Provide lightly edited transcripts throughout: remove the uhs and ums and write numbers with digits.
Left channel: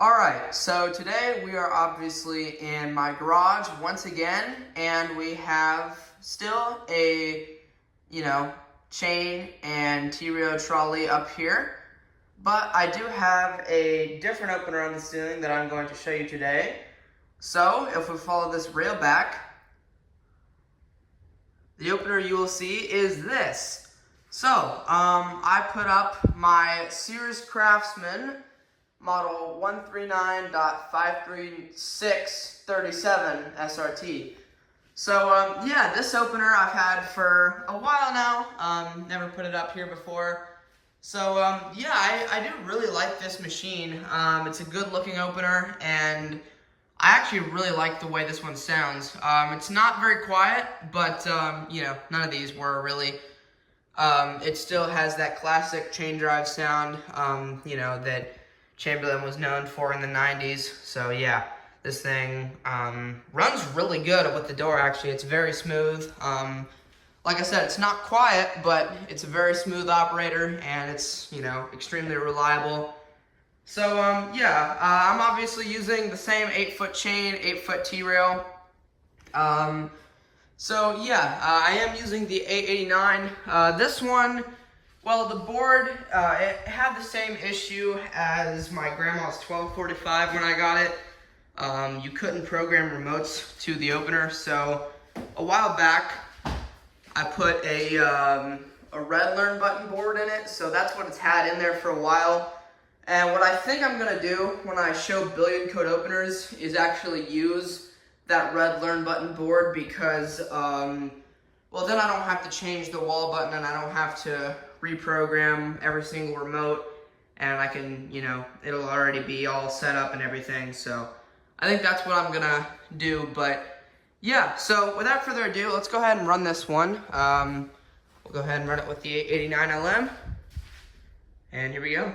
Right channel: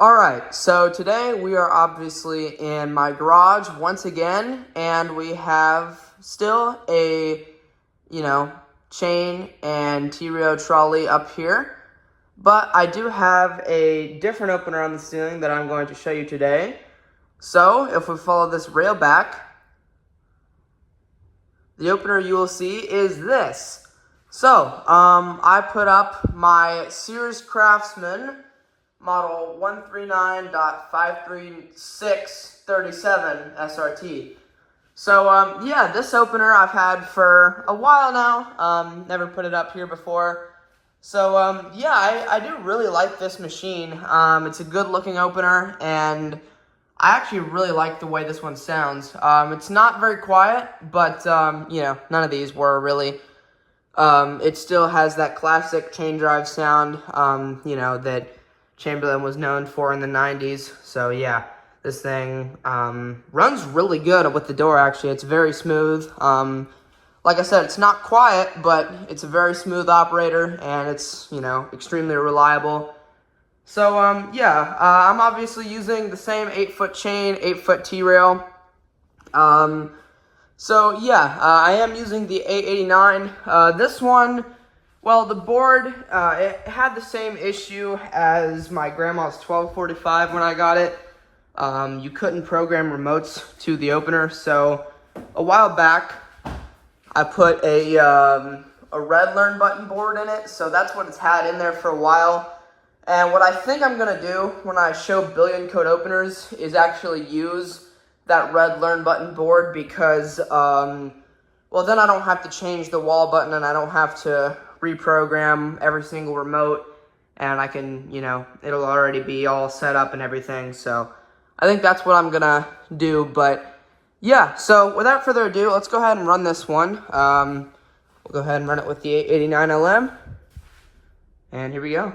Alright, so today we are obviously in my garage once again, and we have still a, chain and T-rail trolley up here. But I do have a different opener on the ceiling that I'm going to show you today. So, if we follow this rail back, the opener you will see is this. So, I put up my Sears Craftsman model 139.53637 SRT. So, yeah, this opener I've had for a while now. Never put it up here before. So, yeah, I do really like this machine. It's a good looking opener, and I actually really like the way this one sounds. It's not very quiet, but, none of these were really. It still has that classic chain drive sound, that Chamberlain was known for in the 90s. So, yeah, this thing runs really good with the door, actually. It's very smooth. Like I said, it's not quiet, but it's a very smooth operator, and it's, extremely reliable. So, yeah, I'm obviously using the same 8-foot chain, 8-foot T-rail. So, yeah, I am using the 889. This one, well, the board, it had the same issue as my grandma's 1245 when I got it. You couldn't program remotes to the opener, so a while back, I put a red learn button board in it, so that's what it's had in there for a while. And what I think I'm going to do when I show billion code openers is actually use that red learn button board because, well, then I don't have to change the wall button and I don't have to reprogram every single remote, and I can, it'll already be all set up and everything. So I think that's what I'm going to do, but yeah, so without further ado, let's go ahead and run this one. We'll go ahead and run it with the 889 LM. And here we go.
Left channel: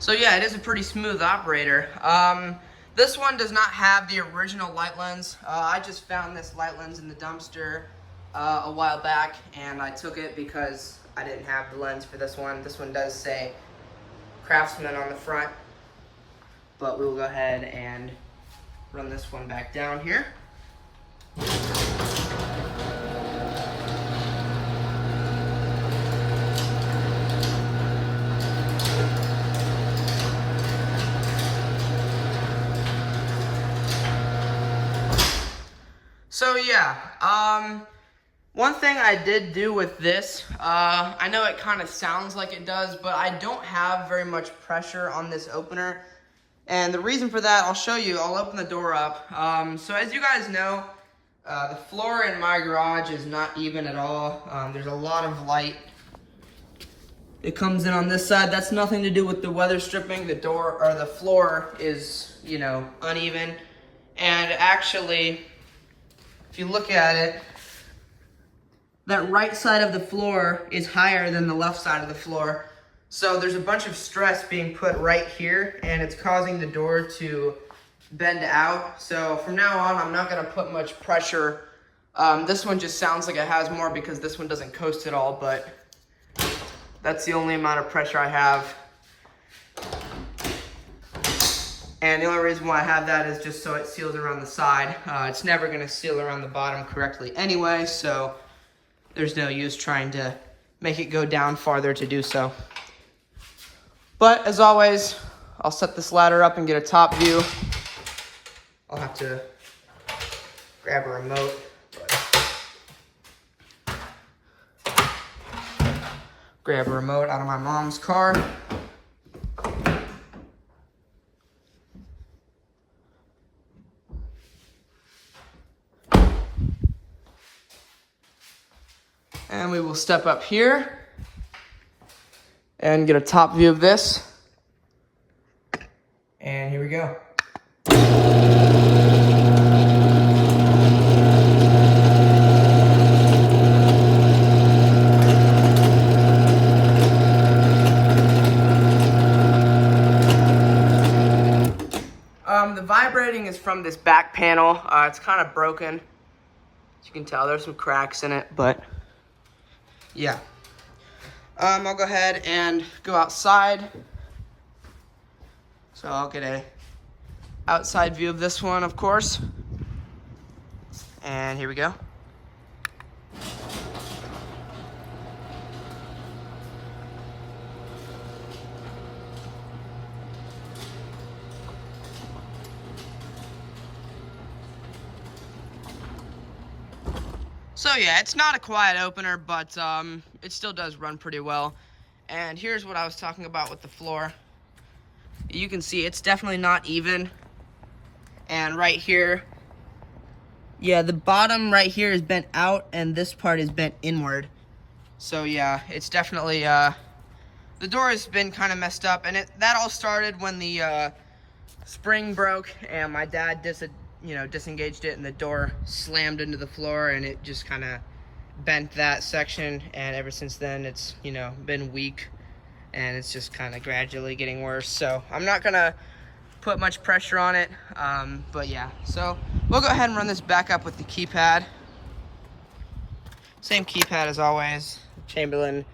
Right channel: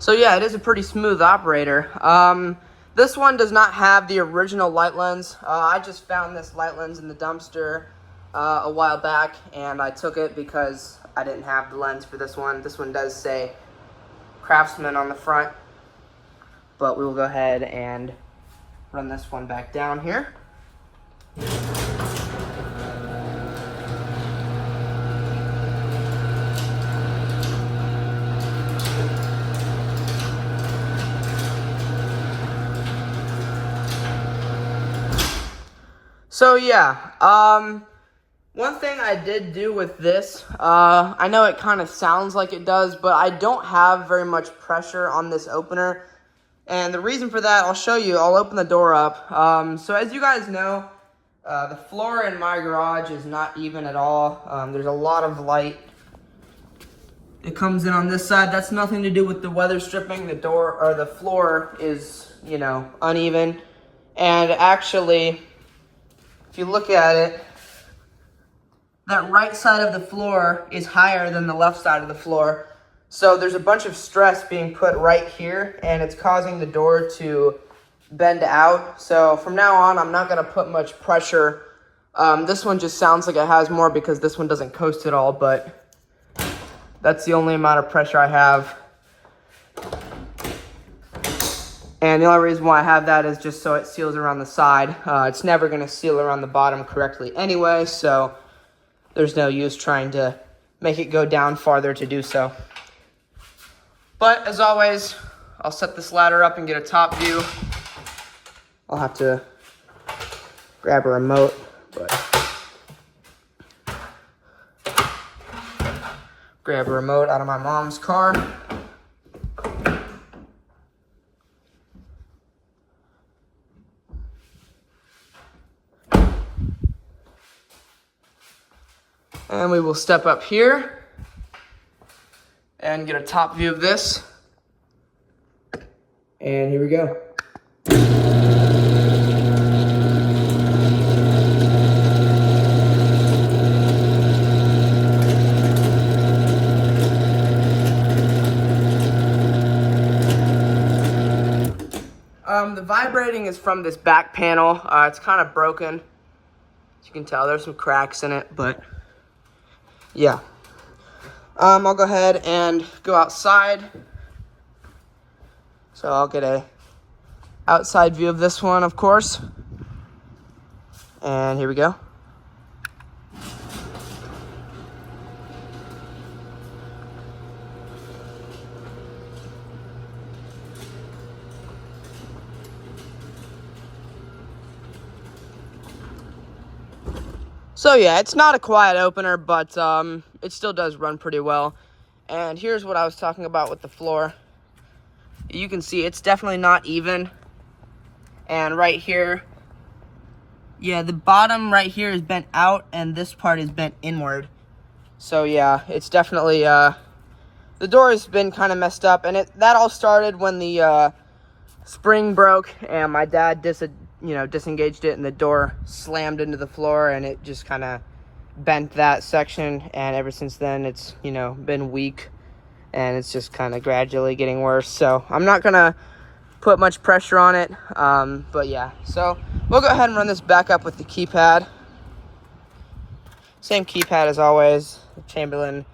So yeah, it is a pretty smooth operator. This one does not have the original light lens. I just found this light lens in the dumpster a while back, and I took it because I didn't have the lens for this one. This one does say Craftsman on the front, but we will go ahead and run this one back down here. So yeah, one thing I did do with this, I know it kind of sounds like it does, but I don't have very much pressure on this opener. And the reason for that, I'll show you. I'll open the door up. So as you guys know, the floor in my garage is not even at all. There's a lot of light. It comes in on this side. That's nothing to do with the weather stripping. The door, or the floor is, uneven. And actually, if you look at it, that right side of the floor is higher than the left side of the floor. So there's a bunch of stress being put right here, and it's causing the door to bend out. So from now on, I'm not gonna put much pressure. This one just sounds like it has more because this one doesn't coast at all, but that's the only amount of pressure I have. And the only reason why I have that is just so it seals around the side. It's never going to seal around the bottom correctly anyway, so there's no use trying to make it go down farther to do so. But as always, I'll set this ladder up and get a top view. I'll have to grab a remote, grab a remote out of my mom's car. And we will step up here and get a top view of this. And here we go. The vibrating is from this back panel. It's kind of broken. As you can tell, there's some cracks in it, but yeah. I'll go ahead and go outside. So I'll get a outside view of this one, of course. And here we go. So yeah, it's not a quiet opener, but it still does run pretty well. And here's what I was talking about with the floor. You can see it's definitely not even. And right here, yeah, the bottom right here is bent out and this part is bent inward. So yeah, it's definitely, the door has been kind of messed up, and that all started when the spring broke and my dad disengaged it and the door slammed into the floor and it just kind of bent that section, and ever since then it's been weak and it's just kind of gradually getting worse. So I'm not gonna put much pressure on it, but yeah, so we'll go ahead and run this back up with the keypad. Same keypad as always, Chamberlain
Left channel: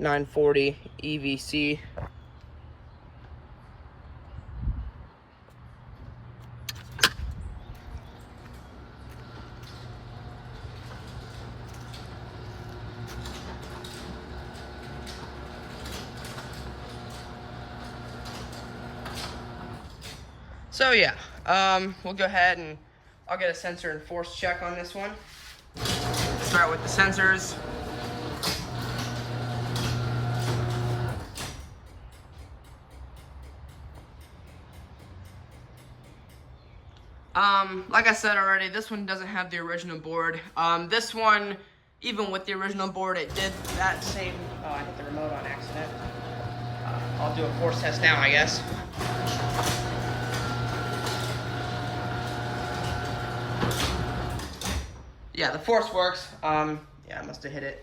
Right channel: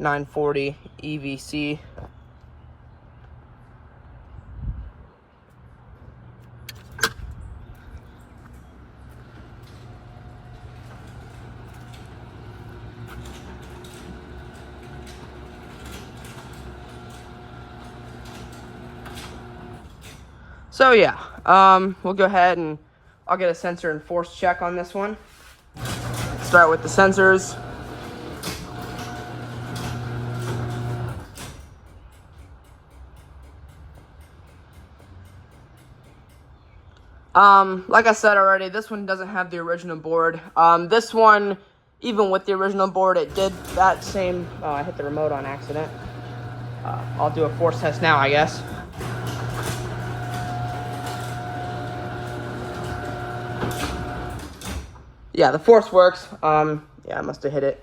940 EVC. So yeah, we'll go ahead and I'll get a sensor and force check on this one. Start with the sensors. Like I said already, this one doesn't have the original board. This one, even with the original board, it did that same, I hit the remote on accident. I'll do a force test now, I guess. Yeah, the force works. Yeah, I must have hit it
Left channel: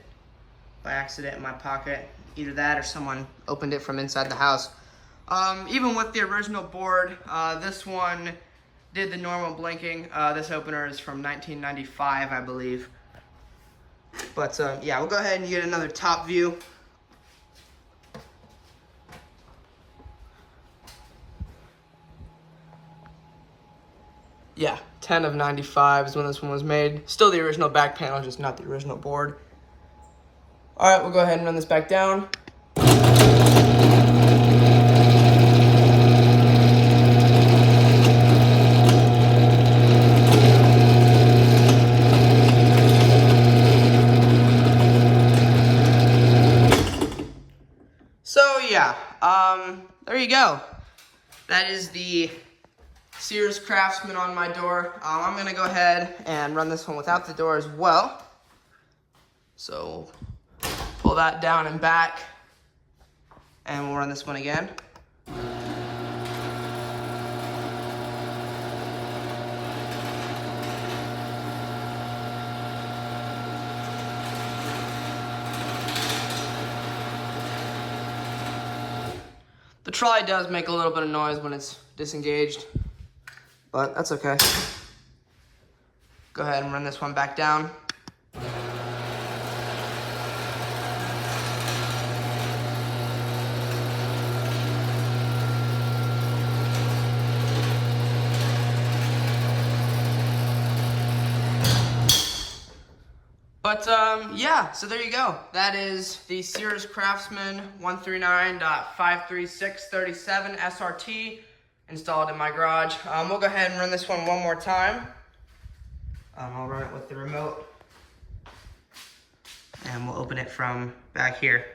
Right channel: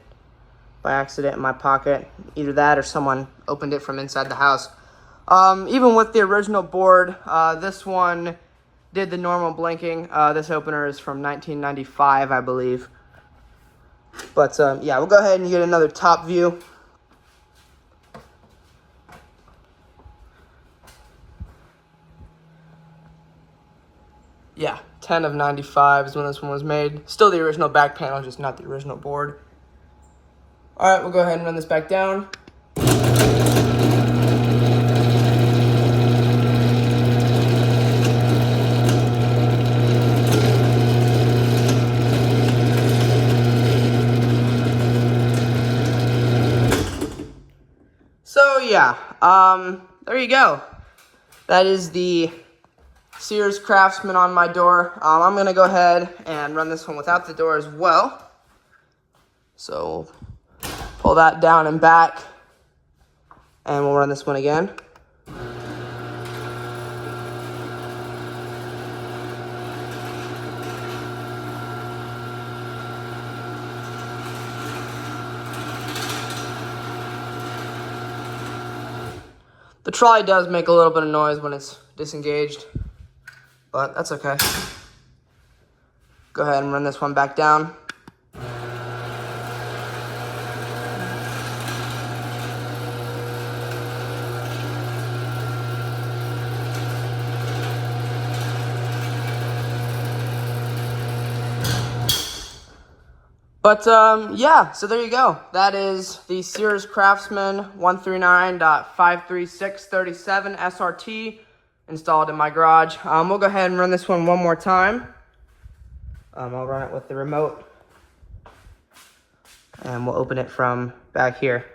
by accident in my pocket. Either that or someone opened it from inside the house. Even with the original board, this one did the normal blinking. This opener is from 1995, I believe. But yeah, we'll go ahead and get another top view. Yeah, 10 of 95 is when this one was made. Still the original back panel, just not the original board. All right, we'll go ahead and run this back down. So yeah, there you go. That is the Sears Craftsman on my door. I'm gonna go ahead and run this one without the door as well. So pull that down and back, and we'll run this one again. The trolley does make a little bit of noise when it's disengaged, but that's okay. Go ahead and run this one back down. But yeah, so there you go. That is the Sears Craftsman 139.53637SRT installed in my garage. We'll go ahead and run this one more time. I'll run it with the remote, and we'll open it from back here.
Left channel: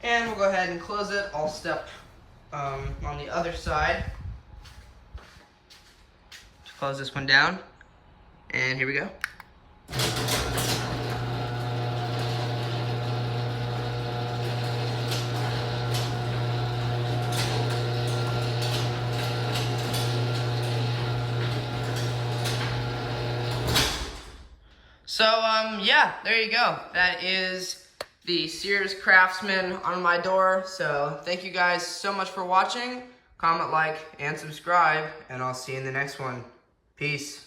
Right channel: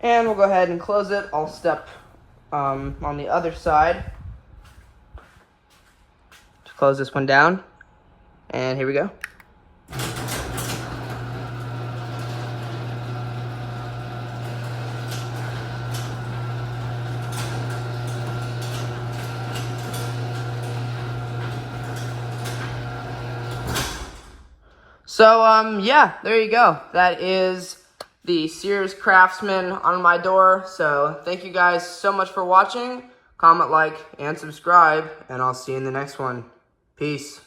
And we'll go ahead and close it. I'll step on the other side to close this one down. And here we go. So, yeah, there you go. That is the Sears Craftsman on my door. So, thank you guys so much for watching. Comment, like, and subscribe, and I'll see you in the next one. Peace.